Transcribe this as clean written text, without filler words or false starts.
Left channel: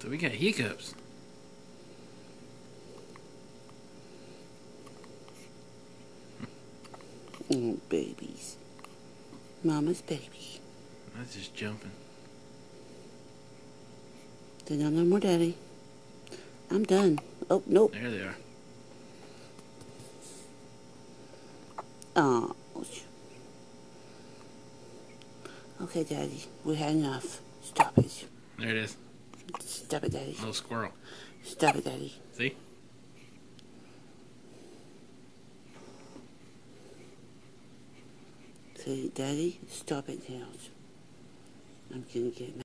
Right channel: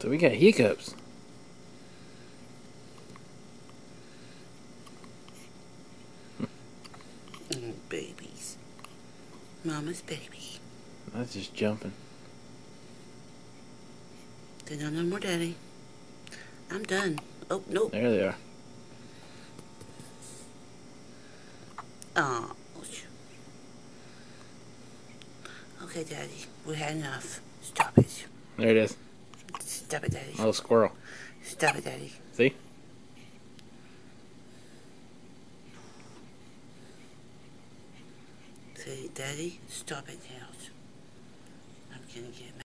So we got Hiccups. Oh, babies. Mama's baby. That's just jumping. They don't know more, Daddy. I'm done. Oh, nope. There they are. Oh. Okay, Daddy. We had enough. Stop it. There it is. Stop it, Daddy. Little squirrel. Stop it, Daddy. See? See, Daddy? Stop it now. I'm gonna get mad.